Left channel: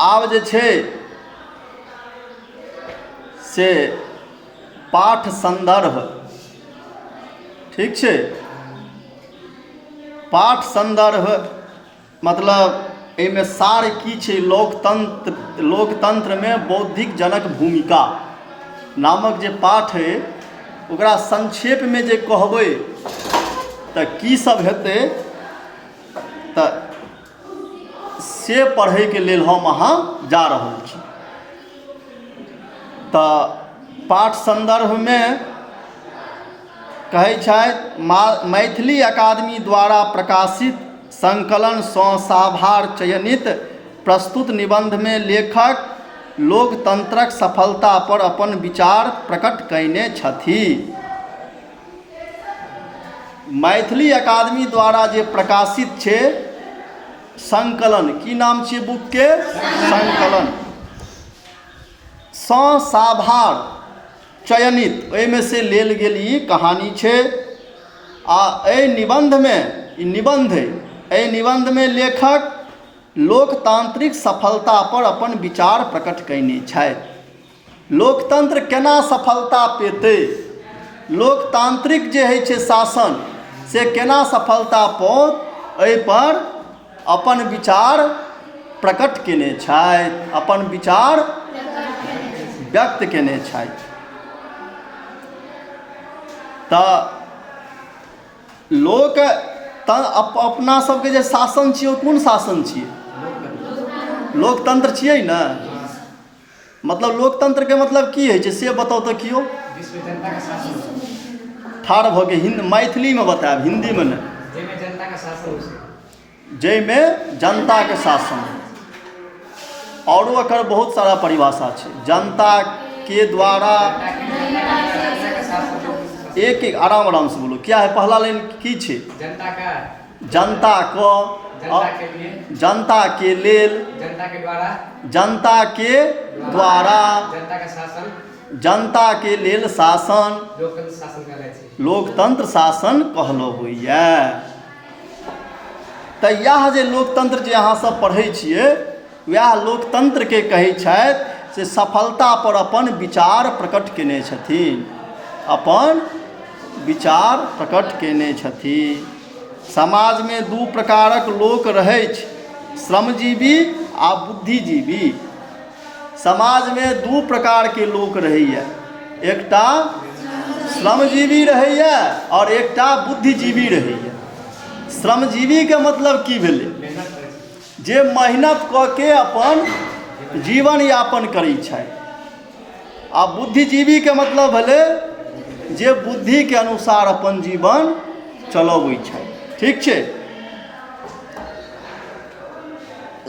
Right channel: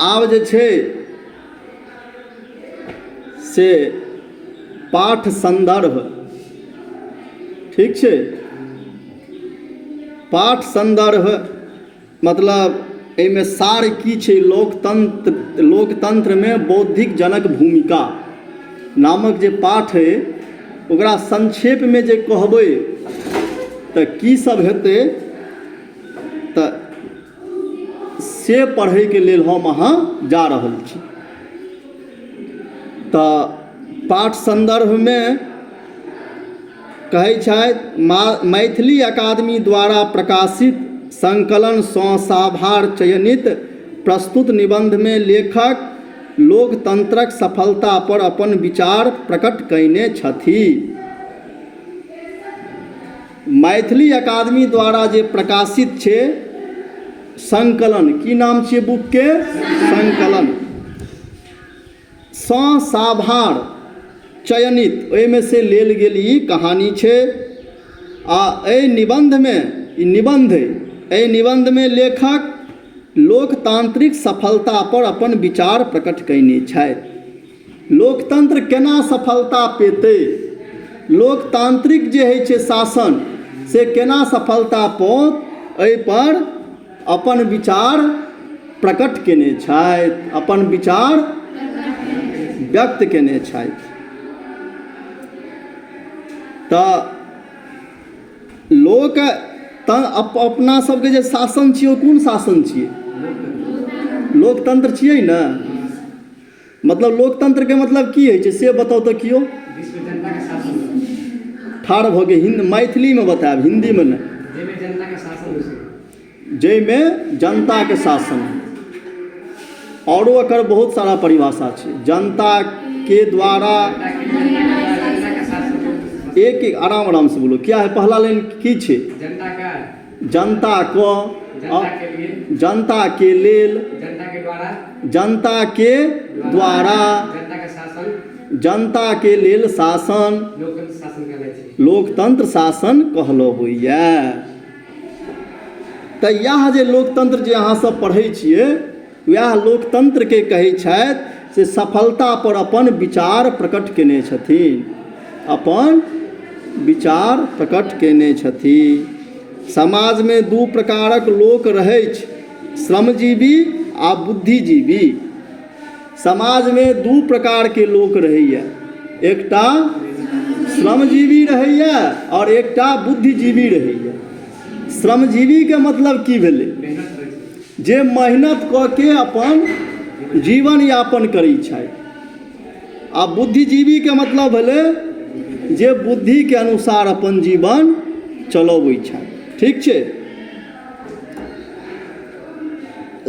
आब जे छै से पाठ संदर्भ, ठीक छै, पाठ संदर्भ मतलब एहिमे सार की छै, लोकतंत्र में बौद्धिक जनक भूमिका नामक जे पाठ है ओकरा संक्षेप में जे कहबै तऽ की सब हेतै, तऽ से पढ़ै के लेल हम अहाँ जा रहल छी। तऽ पाठ संदर्भ में कहै छथि, मैथिली अकादमी द्वारा प्रकाशित संकलन सँ साभार चयनित प्रस्तुत निबंध में लेखक लोकतंत्रक सफलता पर अपन विचार प्रकट कयने छथि। मैथिली अकादमी द्वारा जे प्रकाशित छै संकलन, की नाम छियै बुक के? संकलन सँ साभार चयनित, ओहिमे से लेल गेल ई कहानी छै। आ एहि निबंध में, ई निबंध है, एहि निबंध में लेखक लोकतांत्रिक सफलता पर अपन विचार प्रकट कयने छथि। लोकतंत्र केना सफलता पेतै, लोकतांत्रिक जे होइ छै शासन से केना सफलता पौत, एहि पर अपन विचार प्रकट केने छथि, अपन विचार व्यक्त केने छथि। तऽ लोक अपना सबके जे शासन छियै ओ कोन शासन छियै? लोकतंत्र छियै ने। मतलब लोकतंत्र के मतलब की होइ छै से बताउ तऽ कियो। ठाढ़ भऽ के मैथिली में बतायब, हिंदी में नहीं। जाहिमे जनता के शासन, औरो एकर बहुत सारा परिभाषा छै। जनता के द्वारा, एक एक आराम से बोलो, क्या है पहला लाइन की छे? जनता का, जनता को, जनता के लेल, जनता के द्वारा, जनता के द्वारा, जनता के शासन, जनता के लेल शासन, लोकतंत्र शासन कहलाइ छै, लोकतंत्र शासन कहलो होइए। तऽ यह जे लोकतंत्र जे अहाँ सब पढ़ै छियै वएह लोकतंत्र के कहै छथि से सफलता पर अपन विचार प्रकट केने छथिन, अपन विचार प्रकट केने छथिन। समाज में दू प्रकारक लोक रहै छै, श्रमजीवी आ बुद्धिजीवी। समाज में दू प्रकार के लोक रहैया, एकटा श्रमजीवी रहैया और एकटा बुद्धिजीवी रहैया। श्रमजीवी के मतलब की भेलै? जे मेहनत कऽ के अपन जीवन यापन करै छथि। आ बुद्धिजीवी के मतलब भेलै जे बुद्धि के अनुसार अपन जीवन चलबै छथि, ठीक छै।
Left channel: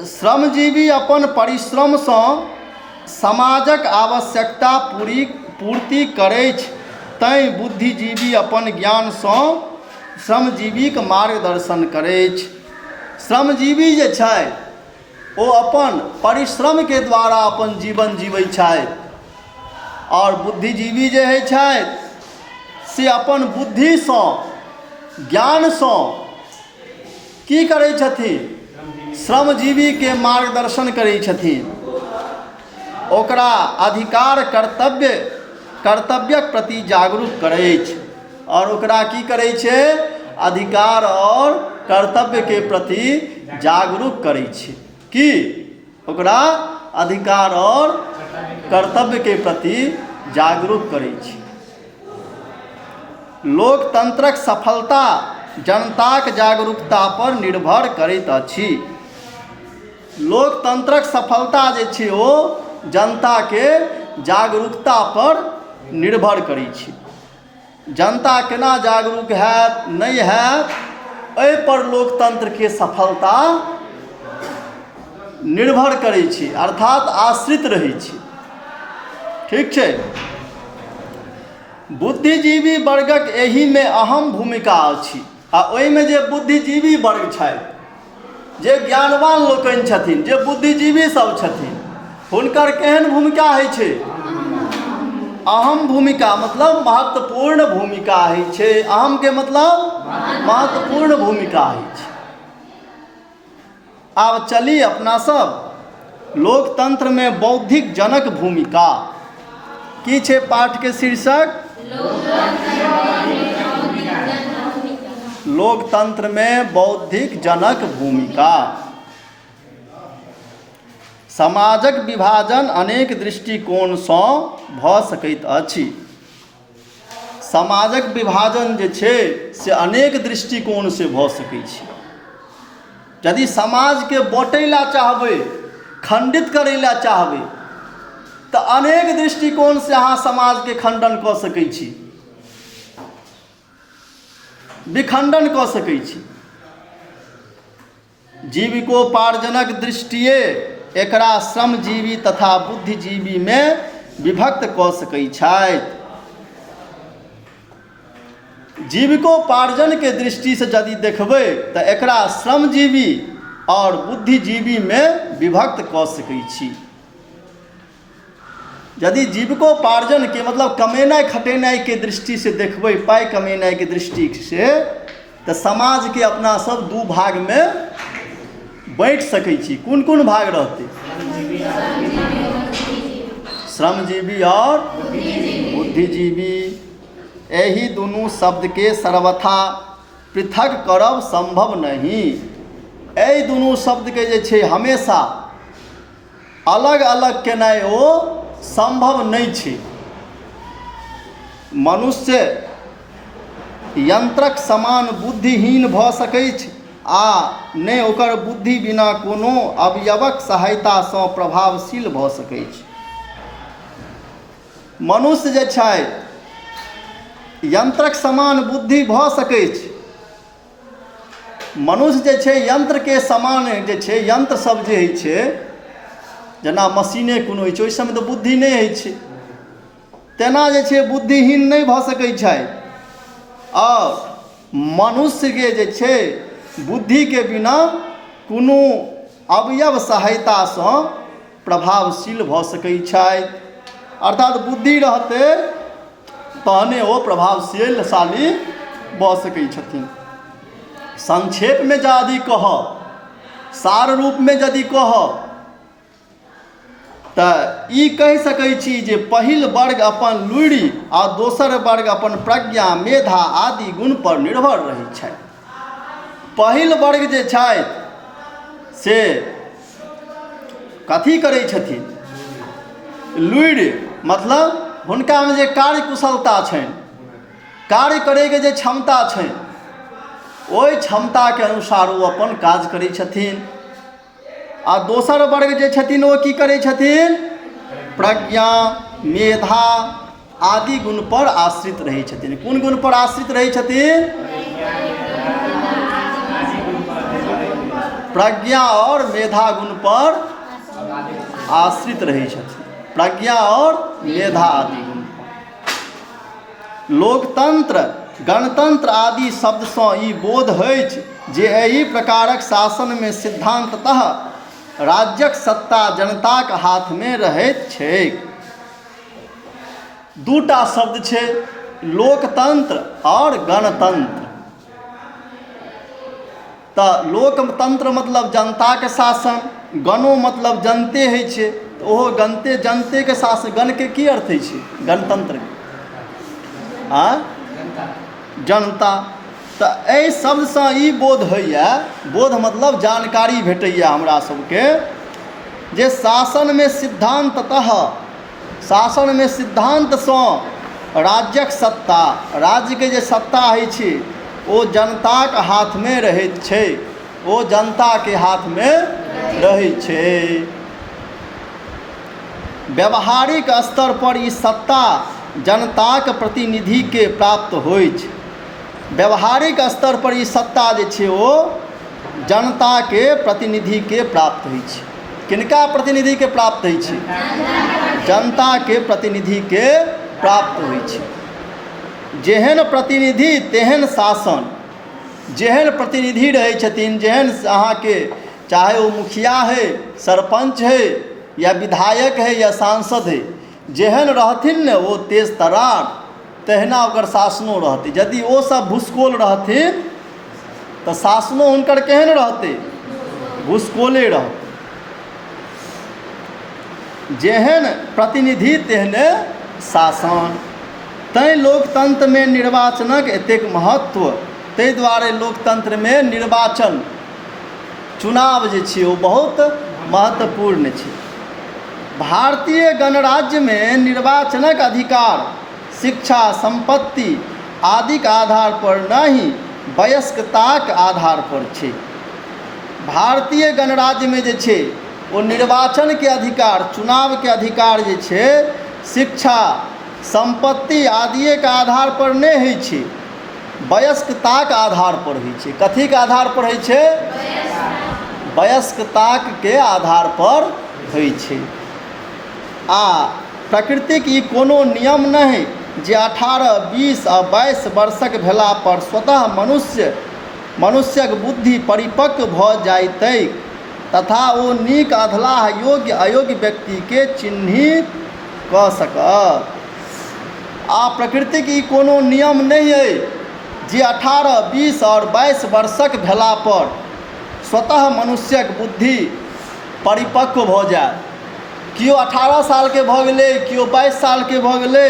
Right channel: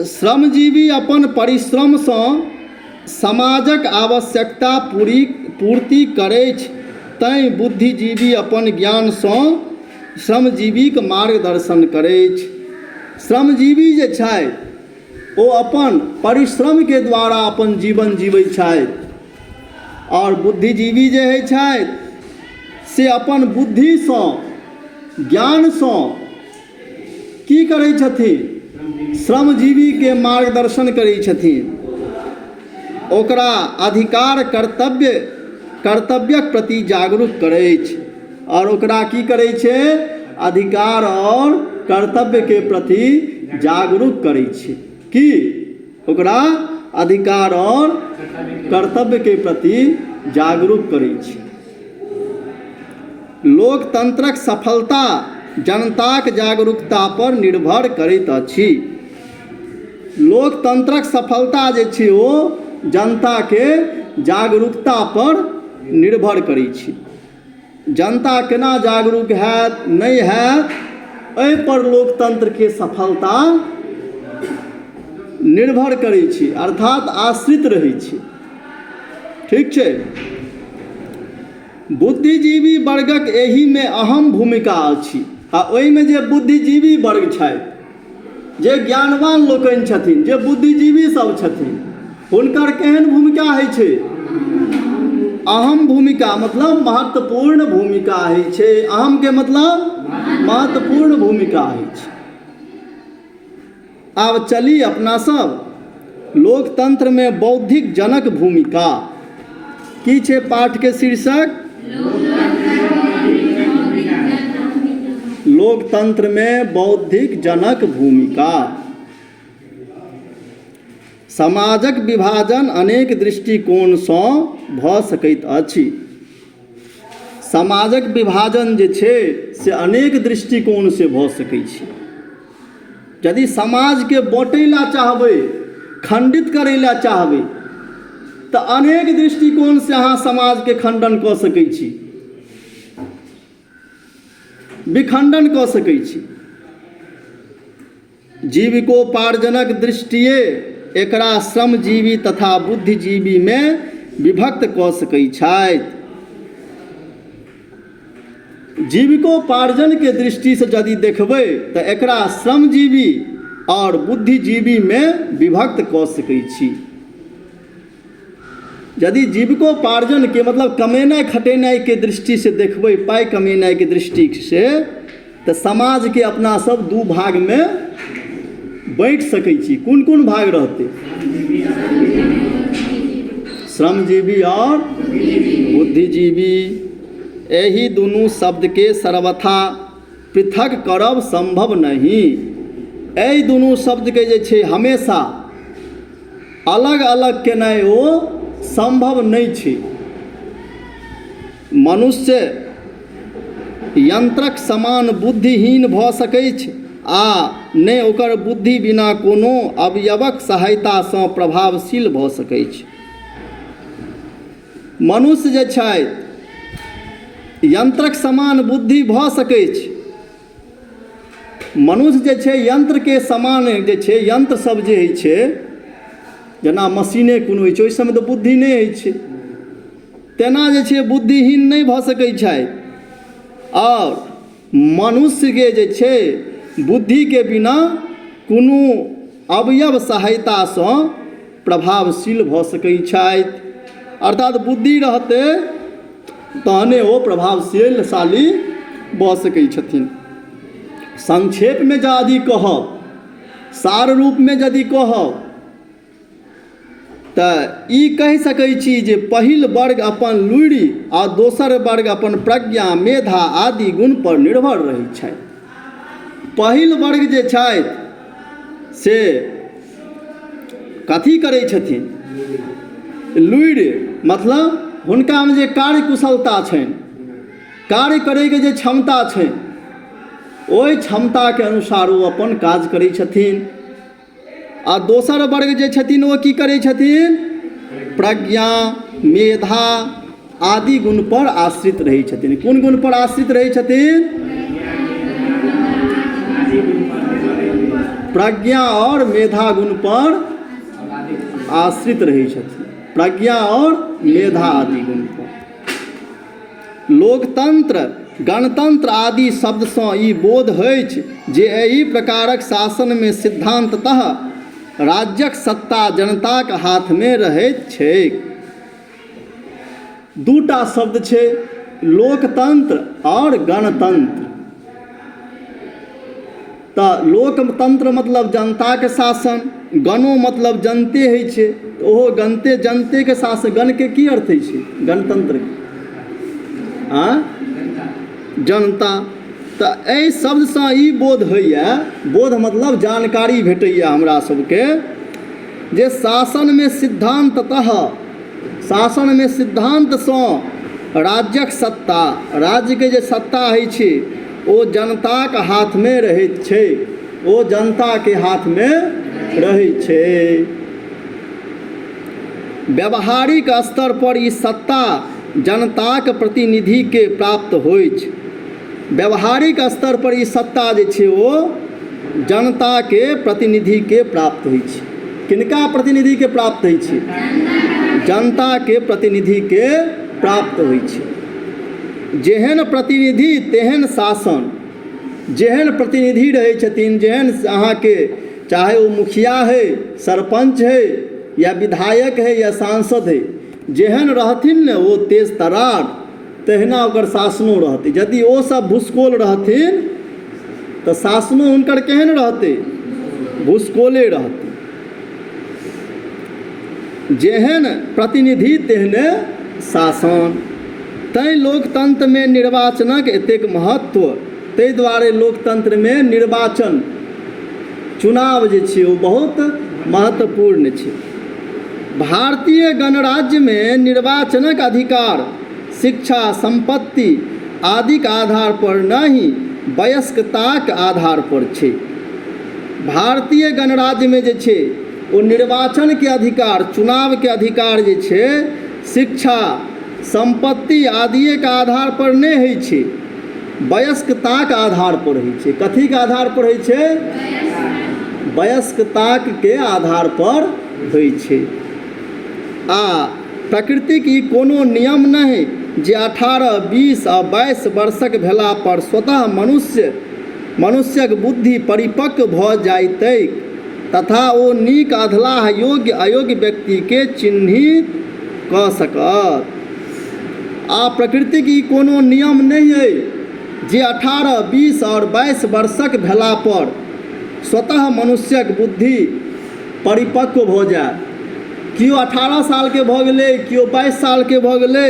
श्रमजीवी अपन परिश्रम सँ समाजक आवश्यकता पूर्ति करैछ, तैं बुद्धिजीवी अपन ज्ञान सँ श्रमजीवीक मार्गदर्शन करैछ। श्रमजीवी जे छथि ओ अपन परिश्रम के द्वारा अपन जीवन जीवै छथि, और बुद्धिजीवी जे होइ छथि से अपन बुद्धि सँ, ज्ञान सँ की करै छथिन? श्रमजीवी के मार्गदर्शन करै छथिन, ओकरा अधिकार कर्तव्यक प्रति जागरूक करैछ। और ओकरा की करै छै? अधिकार और कर्तव्य के प्रति जागरूक करै छै। की ओकरा अधिकार और कर्तव्य के प्रति जागरूक करै छै। लोकतंत्रक सफलता जनताक जागरूकता पर निर्भर करैत अछि। लोकतंत्रक सफलता जे छै ओ जनता के जागरूकता पर निर्भर करै छै। जनता केना जागरूक हैत नहीं हैत, एहि पर लोकतंत्र के सफलता निर्भर करै छै, अर्थात आश्रित रहै छै, ठीक छै। बुद्धिजीवी वर्गक एहि में अहम भूमिका अछि। आ ओहिमे जे बुद्धिजीवी वर्ग छथि, जे ज्ञानवान लोकनि छथिन, जे बुद्धिजीवी सब छथिन, हुनकर केहन भूमिका होइ छै? अहम भूमिका, मतलब महत्वपूर्ण भूमिका होइ छै। अहम के मतलब महत्वपूर्ण भूमिका होइ छै। आब चली अपना सब लोकतंत्र में बौद्धिक जनक भूमिका की छे पाठ के शीर्षक लोकतंत्र में बौद्धिक जनक भूमिका। समाजक विभाजन अनेक दृष्टिकोणसँ भऽ सकैत अछि। समाजक विभाजन जे छै से अनेक दृष्टिकोण से भऽ सकै छै। यदि समाज के बाँटै ला चाहबै, खंडित करै ला चाहबै, तऽ अनेक दृष्टिकोण से अहाँ समाज के खंडन कऽ सकै छी, विखंडन कऽ सकै छी। जीविकोपार्जनक दृष्टिए एकरा श्रमजीवी तथा बुद्धिजीवी में विभक्त कऽ सकै छथि। जीविकोपार्जन के दृष्टि से यदि देखबै तऽ एकरा श्रमजीवी और बुद्धिजीवी में विभक्त कऽ सकै छी। यदि जीविकोपार्जन के मतलब कमेनाइ खटेनाइ के दृष्टि से देखबै, पाइ कमेनाइ के दृष्टि से, तऽ समाज के अपना सब दू भाग में बाँटि सकै छी। कोन कोन भाग रहतै? श्रमजीवी और बुद्धिजीवी। एहि दुनू शब्द के सर्वथा पृथक करब संभव नहीं। एहि दुनू शब्द के जे छै हमेशा अलग अलग केनाइ ओ संभव नहीं छै। मनुष्य यंत्रक समान बुद्धिहीन भऽ सकै छै आ नहि ओकर बुद्धि बिना कोनो अवयवक सहायता सँ प्रभावशील भऽ सकै छै। मनुष्य जे छै यंत्रक समान बुद्धि भऽ सकै छै। मनुष्य जे छै यंत्र के समान जे छै, यंत्र सब जे होइ छै जेना मशीने कोनो होइ छै, ओहि सबमे तऽ बुद्धि नहि होइ छै, तेना जे छै बुद्धिहीन नहि भऽ सकै छै। और मनुष्य के जे छै बुद्धि के बिना कोनो अवयव सहायता सँ प्रभावशील भऽ सकै छथि। अर्थात बुद्धि रहतै तहने ओ प्रभावशीलशाली भऽ सकै छथिन। संक्षेप में यदि कहब, सार रूप में यदि कहब, तऽ ई कहि सकै छी जे पहिल वर्ग अपन लुरि आ दोसर वर्ग अपन प्रज्ञा, मेधा आदि गुण पर निर्भर रहै छै। पहिल वर्ग जे छथि से कथी करै छथिन? लुरि, मतलब हुनका में जे कार्य कुशलता छनि, कार्य करैके जे क्षमता छनि, ओहि क्षमता के अनुसार ओ अपन काज करै छथिन। आ दोसर वर्ग जे छथिन ओ की करै छथिन? प्रज्ञा, मेधा आदि गुण पर आश्रित रहै छथिन। कोन गुण पर आश्रित रहै छथिन? प्रज्ञा और मेधा गुण पर आश्रित रहै छथिन। प्रज्ञा और मेधा आदि गुण पर। लोकतंत्र, गणतंत्र आदि शब्द सँ ई बोध अछि जे एहि प्रकारक शासन में सिद्धांततः राज्यक सत्ता जनताक हाथ में रहैत छैक। दूटा शब्द छै, लोकतंत्र और गणतंत्र। तऽ लोकतंत्र मतलब जनता के शासन, गणो मतलब जनते होइ छै, ओहो गणते, जनते के शासन। गण के की अर्थ होइ छै? गणतंत्र के जनता। तऽ एहि शब्द सँ ई बोध होइए, बोध मतलब जानकारी भेटैए हमरा सबके, जे शासन में सिद्धांततः, शासन में सिद्धांत सँ राज्यक सत्ता, राज्य के जे सत्ता होइ छै ओ जनताक हाथ में रहैत छै, ओ जनता के हाथ में रहै छै। व्यावहारिक स्तर पर ई सत्ता जनताक प्रतिनिधि के प्राप्त होइ छै। व्यावहारिक स्तर पर ई सत्ता जे छै ओ जनता के प्रतिनिधि के प्राप्त होइ छै। किनका प्रतिनिधि के प्राप्त होइ छै? जनता के प्रतिनिधि के प्राप्त होइ छै। जेहन प्रतिनिधि तेहन शासन। जेहन प्रतिनिधि रहै छथिन, जेहन अहाँके चाहे ओ मुखिया है, सरपंच है, या विधायक है, या सांसद है, जेहन रहथिन ने ओ तेज तरार, तहिना ओकर शासनो रहतै। यदि ओ सब भूसकोल रहथिन तऽ शासनो हुनकर केहन रहतै? भूसकोले रहतै। जेहन प्रतिनिधि तेहने शासन। तैँ लोकतंत्रमे निर्वाचनक एतेक महत्व। ताहि दुआरे लोकतंत्रमे निर्वाचन चुनाव जे छै ओ बहुत महत्वपूर्ण छै। भारतीय गणराज्यमे निर्वाचनक अधिकार शिक्षा, संपत्ति आदिक आधार पर नहीं वयस्कताक आधार पर छै। भारतीय गणराज्यमे जे छै ओ निर्वाचनके अधिकार, चुनावके अधिकार जे छै शिक्षा, संपत्ति आदिके आधार पर नहीं होइ छै, वयस्कताक आधार पर होइ छै। कथीके आधार पर होइ छै? वयस्कताके आधार पर होइ छै। आ प्रकृतिक ई कोनो नियम नहीं जे 18, 20 आ 22 वर्षक भेला पर स्वतः मनुष्यक बुद्धि परिपक्व भऽ जाइतैक तथा ओ नीक अधलाह योग्य अयोग्य व्यक्तिके चिन्हित कऽ सकत। आ प्रकृतिक ई कोनो नियम नहीं है जे 18, 20 और 22 वर्षक भेला पर स्वतः मनुष्यक बुद्धि परिपक्व भऽ जाय। किओ 18 सालके भऽ गेलै, किओ 22 सालके भऽ गेलै,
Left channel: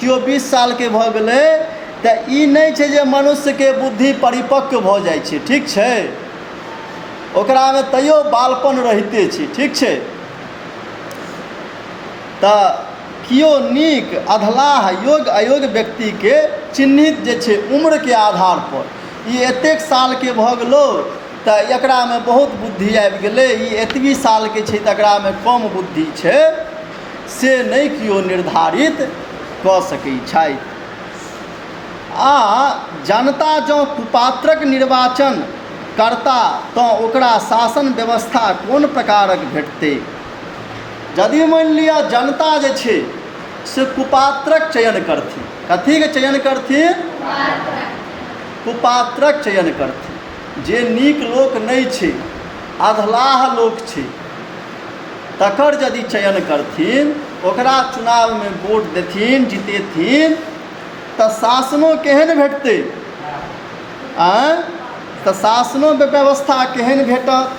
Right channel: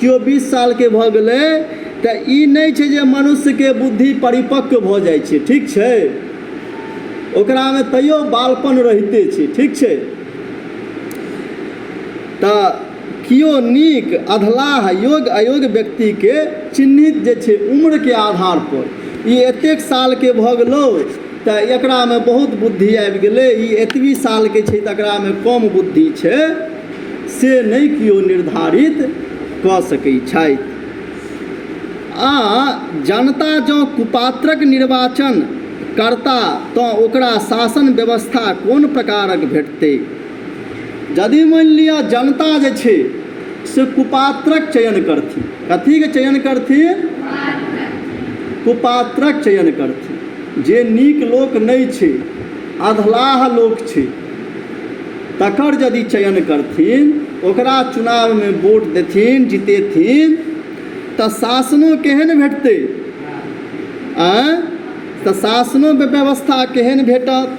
किओ 20 सालके भऽ गेलै, तऽ ई नहीं छै जे मनुष्यके बुद्धि परिपक्व भऽ जाइ छै। ठीक छै, ओकरामे तैयो बालपन रहिते छै। ठीक छै, तऽ किओ नीक अधलाह योग्य अयोग्य व्यक्तिके चिन्हित जे छै उम्रके आधार पर, ई एतेक सालके भऽ गेलो तऽ एकरामे बहुत बुद्धि आबि गेलै, ई एतबी सालके छै तऽ एकरामे कम बुद्धि छै, से नहीं किओ निर्धारित कऽ सकै छथि। आ जनता जँ कुपात्रक निर्वाचन करता तऽ ओकरा शासन व्यवस्था कोन प्रकारक भेटतै? यदि मानि लिअ जनता जे छै से कुपात्रक चयन करथिन, कथीके चयन करथिन? कुपात्रक चयन करथिन। जे नीक लोक नहीं छै, अधलाह लोक छै, तकर यदि चयन करथिन, ओकरा चुनावमे वोट देथिन, जितेथिन, तऽ शासनो केहन भेटतै? तऽ शासनो व्यवस्था केहन भेटत?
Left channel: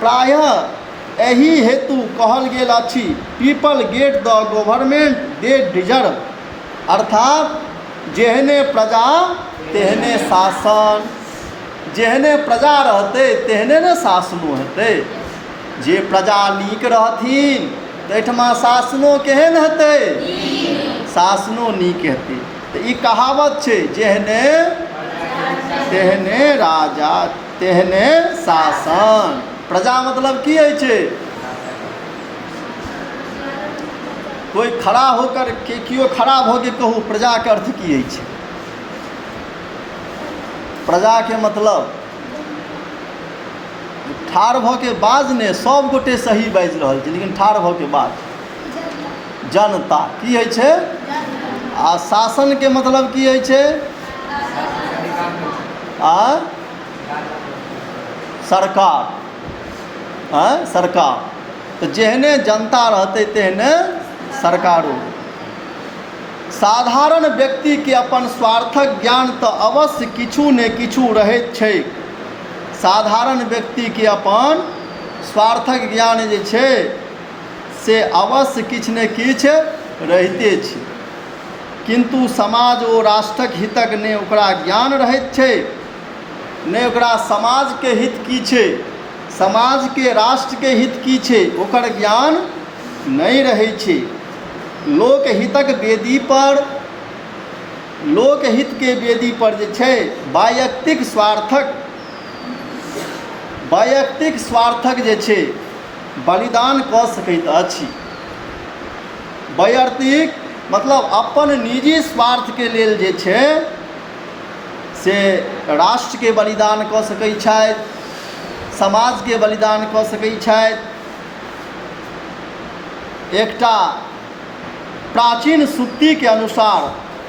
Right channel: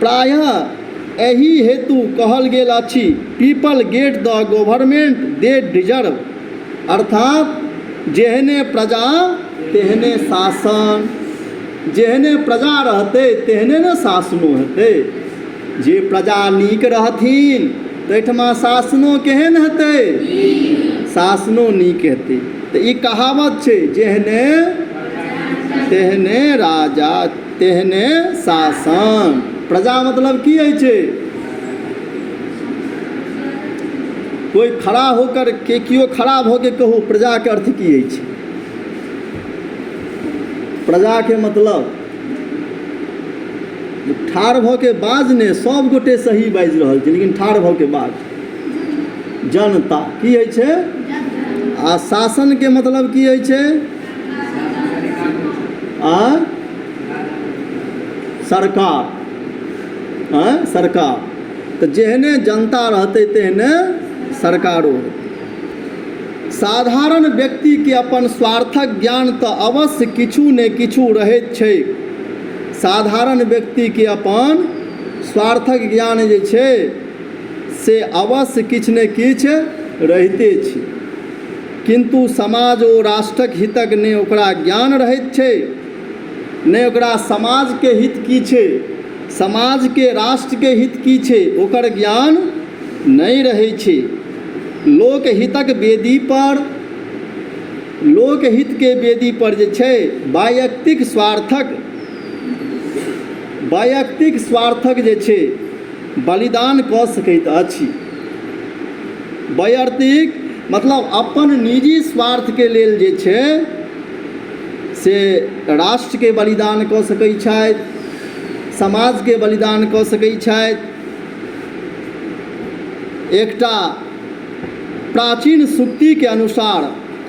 प्रायः एही हेतु कहल गेल अछि, people get the government they deserve, अर्थात जेहने प्रजा तेहने शासन। जेहने प्रजा रहतै तेहने ने शासनो हेतै। जे प्रजा नीक रहथिन तऽ एहिठमा शासनो केहन हेतै? शासनो नीक हेतै। तऽ ई कहावत छै, जेहने तेहने राजा तेहने शासन। प्रजा मतलब की होइ छै? कोई खड़ा होकर के किओ खड़ा भऽ के कहू प्रजाके अर्थ की होइ छै? प्रजाके मतलब ठाढ़ भऽ के बाज ने, सब गोटे सही बाजि रहल छै लेकिन ठाढ़ भऽ के बाज जनता की होइ छै? आ शासनके मतलब की होइ छै? सरकार। सरकार। तऽ जेहने जनता रहतै तेहने सरकारो। साधारण व्यक्तिके अपन स्वार्थक ज्ञान तऽ अवश्य किछु ने किछु रहैत छै। साधारण व्यक्तिके अपन स्वार्थक ज्ञान जे छै से अवश्य किछु ने किछु रहिते छै, किंतु समाज ओ राष्ट्रक हितक ने ओकरा ज्ञान रहैत छै, ने ओकरा समाजके हित की छै, समाजके राष्ट्रके हित की छै, ओकर ज्ञान नहीं रहै छै। लोकहितक वेदी पर, लोकहितके वेदी पर जे छै वैयक्तिक स्वार्थक जे छै बलिदान कऽ सकैत अछि। वैयक्तिक मतलब अपन निजी स्वार्थके लेल जे छै से राष्ट्रके बलिदान कऽ सकै छथि, समाजके बलिदान कऽ सकै छथि। एकटा प्राचीन सूक्तिके अनुसार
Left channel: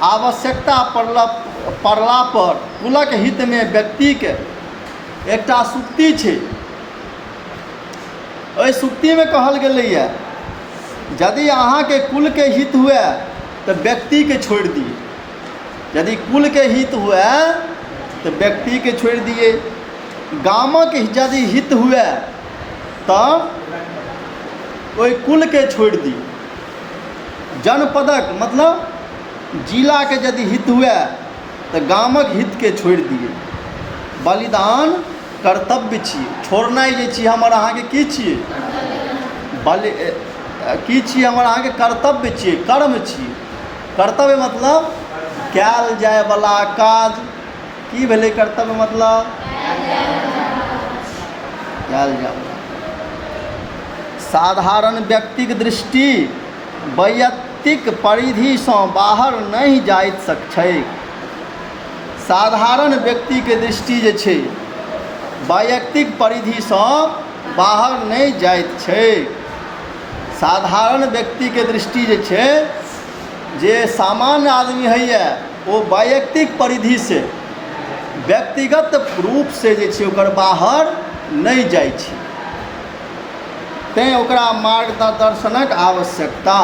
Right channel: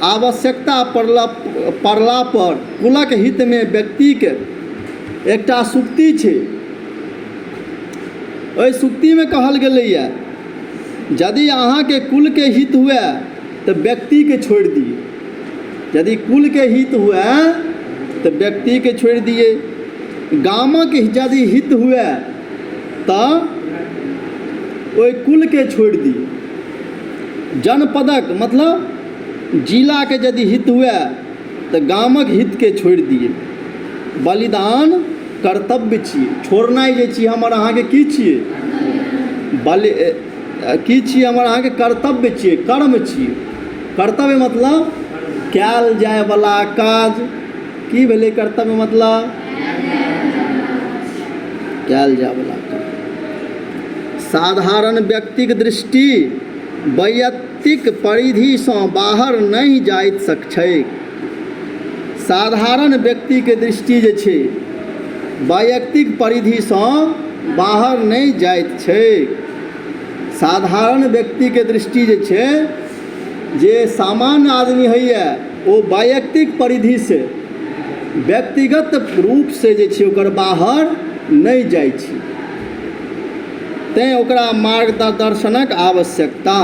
आवश्यकता पड़ला पर कुलक हितमे व्यक्तिके एकटा सूक्ति छै। ओहि सूक्तिमे कहल गेलैए यदि अहाँके कुलके हित हुए तऽ व्यक्तिके छोड़ि दिए, यदि कुलके हित हुए तऽ व्यक्तिके छोड़ि दिए, गामक यदि हित हुए तऽ ओहि कुलके छोड़ि दिए। जनपदक मतलब जिलाके यदि हित हुए तऽ गामक हितके छोड़ि दिए। बलिदान कर्तव्य छियै। छोड़नाइ जे छियै हमर अहाँके की छियै? की छियै? हमर अहाँके कर्तव्य छियै, कर्म छियै। कर्तव्य मतलब कयल जायवला काज। की भेलै कर्तव्य मतलब? कयल जायवला काज। साधारण व्यक्तिक दृष्टि वैयक्तिक परिधिसँ बाहर नहि जाइत छै। साधारण व्यक्तिके दृष्टि जे छै वैयक्तिक परिधिसँ बाहर नहि जाइत छै। साधारण व्यक्तिके दृष्टि जे छै, जे सामान्य आदमी होइए ओ वैयक्तिक परिधिसँ व्यक्तिगत रूपसँ जे छै ओकर बाहर नहि जाइ छै। तैँ ओकरा मार्गदर्शनक आवश्यकता,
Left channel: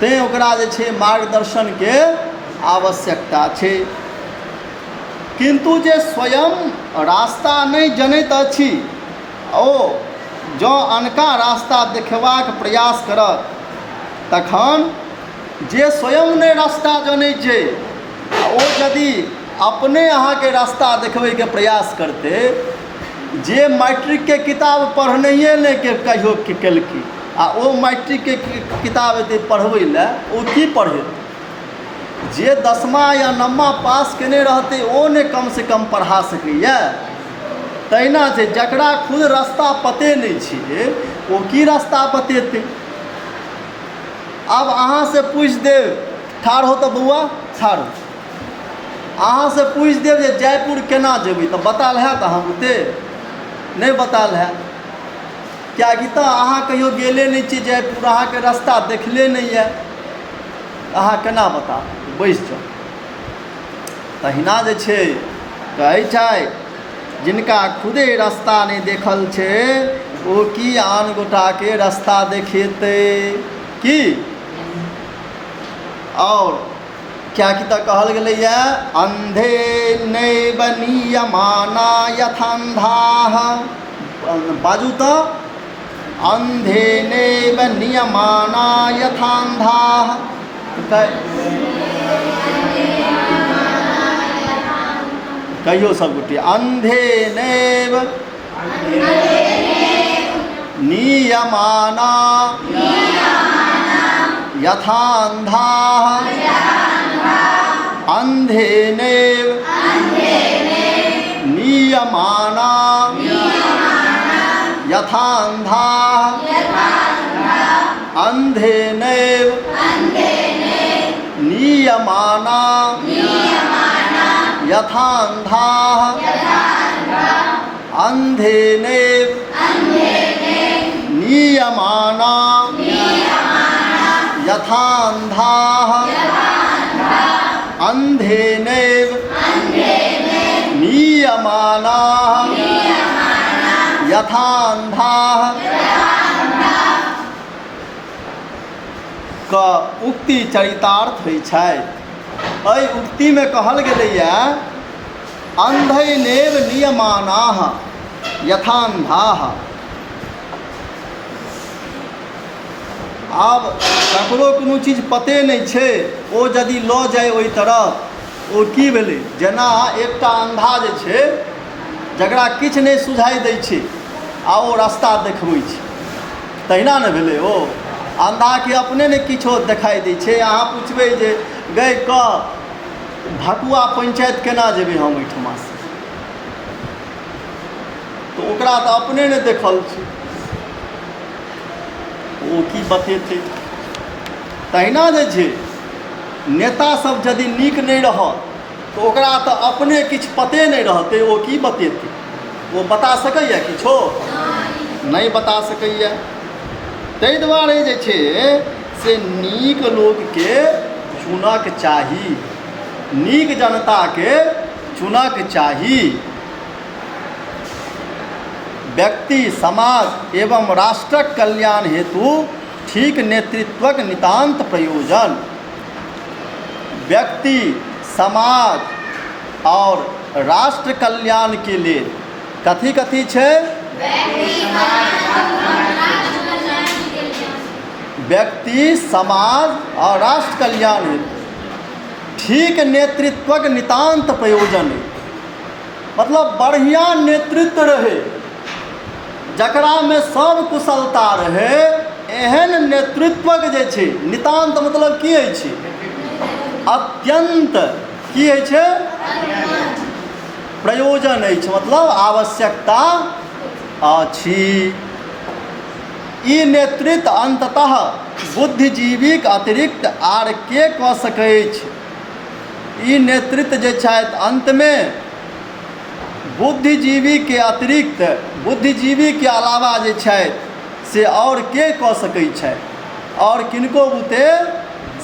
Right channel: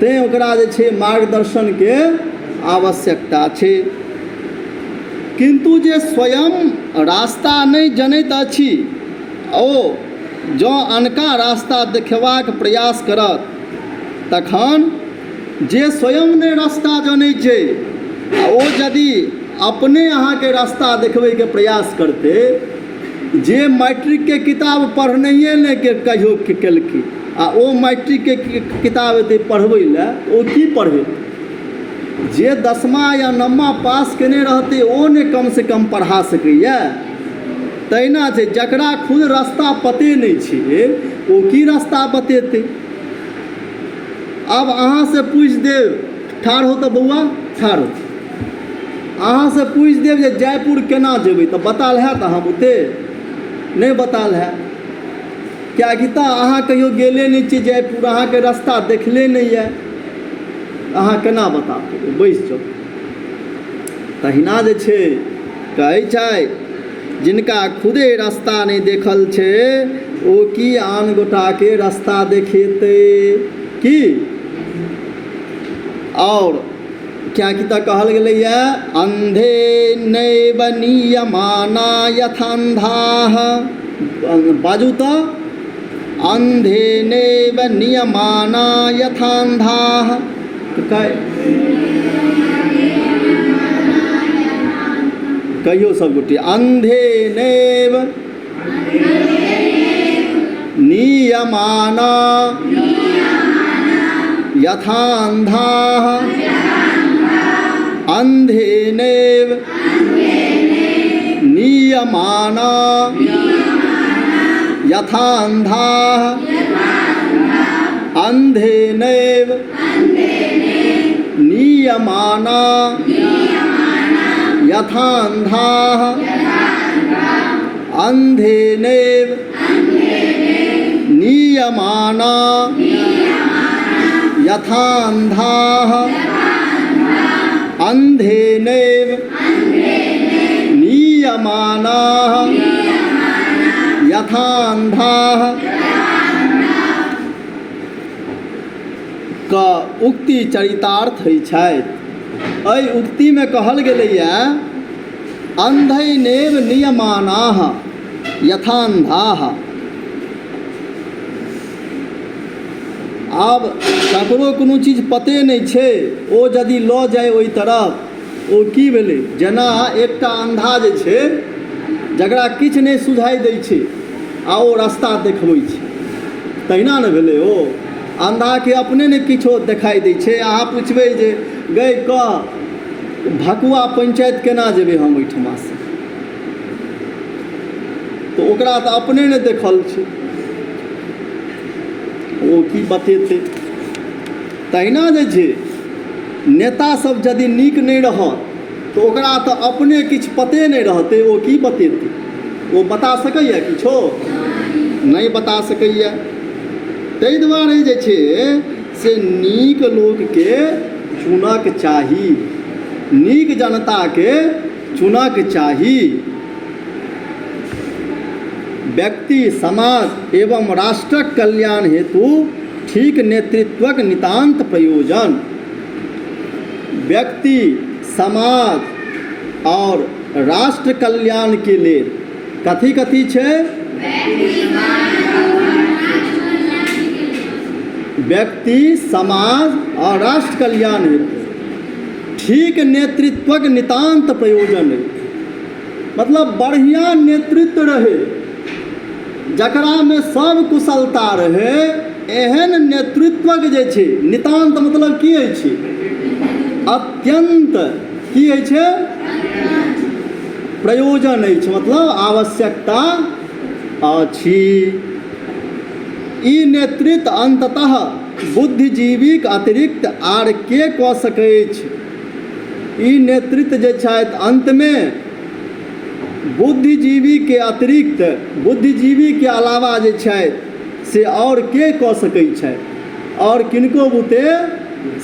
तैँ ओकरा जे छै मार्गदर्शनके आवश्यकता छै। किन्तु जे स्वयं रास्ता नहि जनैत अछि, ओ जँ अनका रास्ता देखबाक प्रयास करत, तखन जे स्वयं नहि रास्ता जनैत छै ओ यदि अपने अहाँके रास्ता देखबैके प्रयास करतै, जे मैट्रिकके किताब पढ़नाइए नहि कहियो केलकै आ ओ मैट्रिकके किताब एतै पढ़बै लए, ओ की पढ़ेतै? जे 10मा या 9मा पास केने रहतै ओ ने कमसँ कम पढ़ा सकैए। तहिना छै, जकरा खुद रास्ता पते नहि छै ओ की रास्ता बतेतै? आब अहाँसँ पूछि देब, ठाढ़ हो तऽ बौआ, ठाढ़ हो, अहाँसँ पूछि देब जे जयपुर केना जेबै तऽ बताल हैत? अहाँ बुते नहि बताल हैत। किएकि तऽ अहाँ कहियो गेले नहि छियै जयपुर, अहाँके रास्ता देखले नहि यऽ, अहाँ केना बता देबै? बैसि जाउ। तहिना जे छै कहै छै, जिनका खुदे रास्ता नहि देखल छै ओ की आन गोटाके रास्ता देखेतै? की? और किएकि तऽ कहल गेलैए, अन्धे नैव नीयमाना यथान्धाः। बाजू तऽ, अन्धे नैव नियमाना यथान्धाः। कहियो सबगोटे, अन्धे नैव नियमाना यथान्धाः। अन्धे नैव नियमाना यथान्धाः। अन्धे नैव नियमाना यथान्धाः। अन्धे नैव नियमाना यथान्धाः। अन्धे नैव नियमाना यथान्धाः। का उक्ति चरितार्थ होइ छथि। एहि उक्तिमे कहल गेलैए, अन्धैनेव नियमानाः यथान्धाः। आब ककरो कोनो चीज पते नहि छै, ओ यदि लऽ जाय ओहि तरफ, ओ की भेलै? जेना एकटा अन्धा जे छै, जकरा किछु नहि सुझाइ दै छै आ ओ रास्ता देखबै छै, तहिना ने भेलै। ओ अन्धाके अपने ने किछो देखाइ दै छै। अहाँ पुछबै जे गै कह भकुआ पंचायत केना जेबै हम ओहिठमासँ, तऽ ओकरा तऽ अपने ने देखल छै, ओ की बतेतै? तहिना जे छै, नेतासभ यदि नीक नहि रहत तऽ ओकरा तऽ अपने किछु पते नहि रहतै, ओ की बतेतै? ओ बता सकैए किछो? नहि बता सकैए। ताहि दुआरे जे छै से नीक लोकके चुनक चाही, नीक जनताके चुनक चाही। व्यक्ति, समाज एवं राष्ट्रक कल्याण हेतु ठीक नेतृत्वक नितांत प्रयोजन। व्यक्ति, समाज और राष्ट्र कल्याण के लिए कथी कथी छै? व्यक्ति समाज और राष्ट्र कल्याण हेतु ठीक नेतृत्वक नितांत प्रयोजन है। मतलब बढ़िया नेतृत्व रहे, जकरा में सब कुशलता रहे, एहन नेतृत्वक जे छै नितांत मतलब की होइ छै? अत्यंत की होइ छै? प्रयोजन अछि, मतलब आवश्यकता अछि। ई नेतृत्व अंततः बुद्धिजीवीक अतिरिक्त आर के कऽ सकैत अछि? ई नेतृत्व जे छथि अंत में बुद्धिजीवी के अतिरिक्त, बुद्धिजीवी के अलावा जे छथि से और के कऽ सकैत छथि? और किनको बुते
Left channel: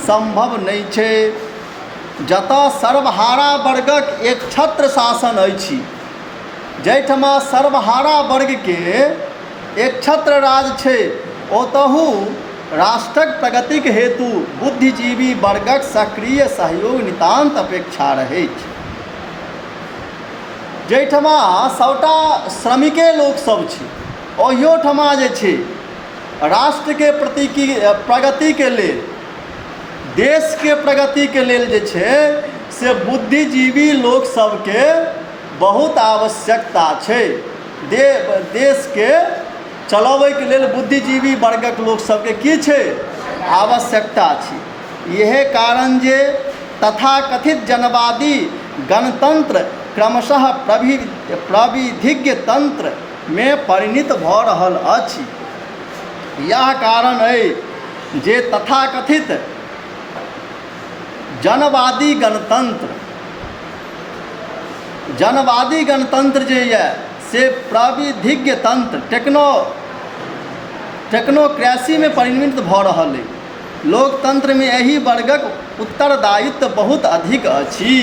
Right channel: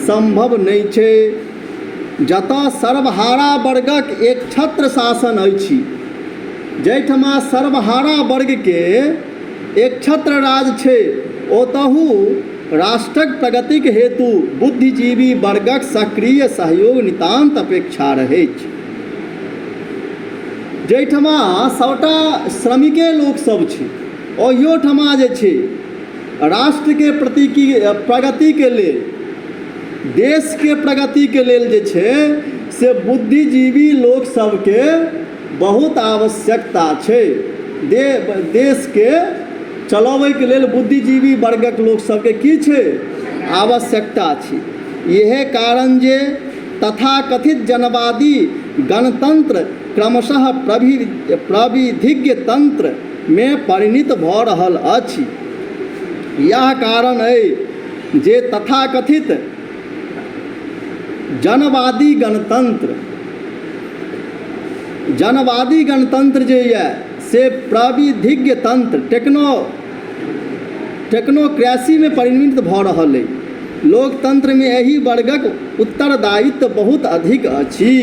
संभव नहीं छै। जतऽ सर्वहारा वर्गक एक छत्र शासन अछि, जाहिठमा सर्वहारा वर्ग के एक छत्र राज छै, ओतहु राष्ट्रक प्रगतिक हेतु बुद्धिजीवी वर्गक सक्रिय सहयोग नितांत अपेक्षा रहै छै। जाहिठमा सबटा श्रमिके लोक सब छै, ओहियो ठमा जे छै राष्ट्र के प्रगति के लेल, देश के प्रगति के लेल जे छै से बुद्धिजीवी लोक सबके बहुत आवश्यकता छै। देश के चलाबै के लेल बुद्धिजीवी वर्गक लोक सबके की छै? आवश्यकता छै। यह कारण जे तथाकथित जनवादी गणतंत्र क्रमशः प्रविधिज्ञ तंत्र में परिणत भऽ रहल अछि। यह कारण है जे तथाकथित जनवादी गणतंत्र जे ये से प्रविधिज्ञ तंत्र टेक्नोक्रेसी में परिणत भऽ रहल है। लोकतंत्र में एही वर्गक उत्तरदायित्व बहुत अधिक अछि।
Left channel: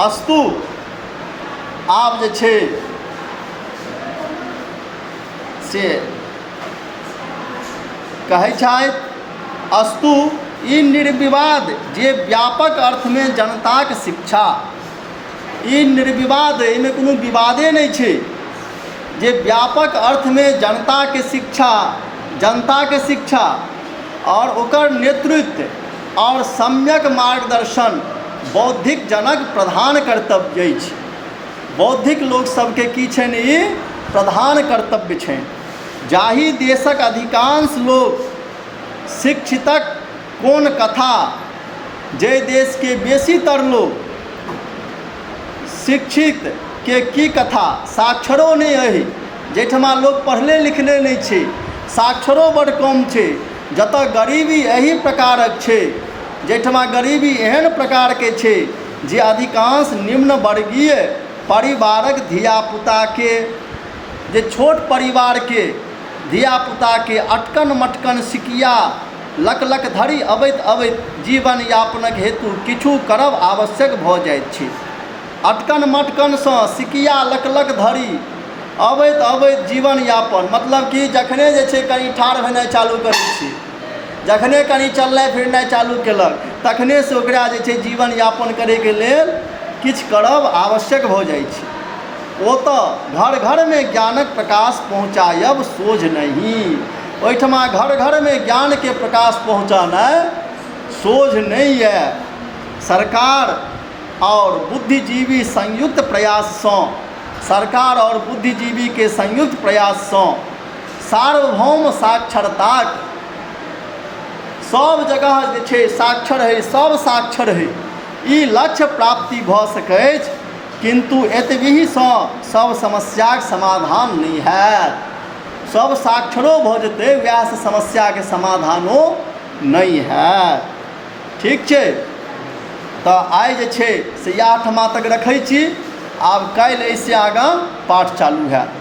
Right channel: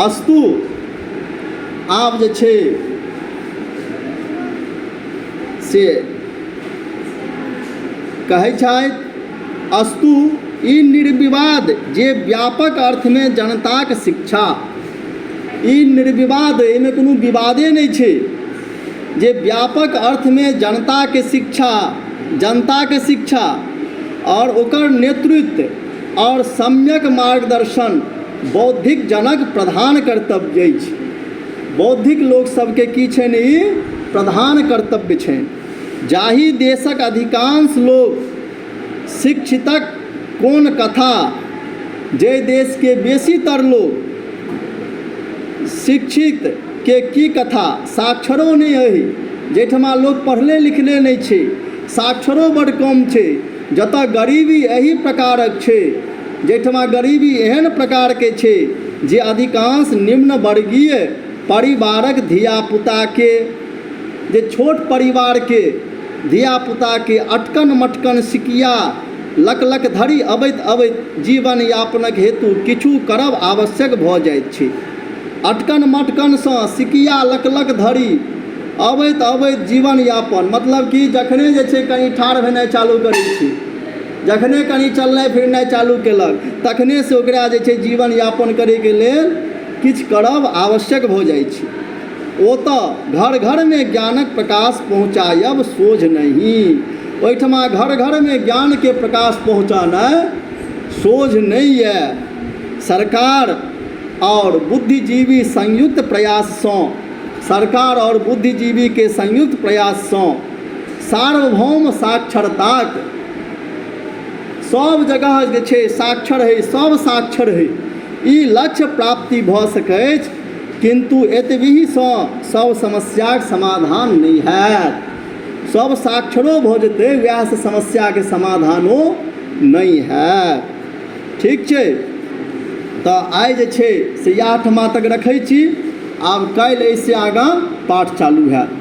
अस्तु आब जे छै से कहै छथि, अस्तु ई निर्विवाद जे व्यापक अर्थ में जनताक शिक्षा, ई निर्विवाद, एहिमे कोनो विवादे नहीं छै, जे व्यापक अर्थ में जनता के शिक्षा और ओकर नेतृत्व और सम्यक मार्गदर्शन बौद्धिक जनक प्रधान कर्तव्य अछि। बौद्धिक लोक सबके की छनि? ई प्रधान कर्तव्य छनि। जाहि देशक अधिकांश लोक शिक्षितक कोन कथा, जे देश के बेसीतर लोग शिक्षित के की कथा, साक्षरो नहीं है, जेठमा लोग पढ़ले लिखले नहीं छे, साक्षरो बड़ कम छे। जतऽ गरीबी एही प्रकारक छे, जेठमा गरीबी एहन प्रकार के छे जे अधिकांश निम्न वर्गीय परिवारक धियापुता के, जे छोट परिवार के धियापुता के अटकन मटकन सिकिया लक लक धरि अबैत जीवन यापनक हेतु किछु करब आवश्यक भऽ जाइत छै। अटकन मटकन सँ सिकिया लक लक धरि अबैत जीवन यापन, मतलब कि जखने जे छै कनि ठाढ़ भेनाइ चालू करै छै, जखने कनि चलनाइ फिरनाइ चालू केलक, तखने से ओकरा जे छै जीवन यापन करैके लेल किछु करब आवश्यक भऽ जाइ छै। ओतऽ घर घर में ज्ञानक प्रकाश पहुँचायब सोझ नहीं, ओहिठमा घर घर में ज्ञान के प्रकाश पहुँचाना सोझ नहीं है। सरकार और बुद्धिजीवी संयुक्त प्रयास सँ, सरकार और बुद्धिजीवी के संयुक्त प्रयास सँ सार्वभौम साक्षरताक, सब जगह जे छै साक्षर है, सब साक्षर है, ई लक्ष्य प्राप्ति भऽ सकैछ। किंतु एतबही सँ सब समस्याक समाधान नहीं है। सब साक्षरो भऽ जेतै, वएह से समस्या के समाधानो नहीं है। ठीक छै, तऽ आइ जे छै से इएह ठमा तक रखै छी। आब काल्हि एहिसँ आगाँ पाठ चालू हैत।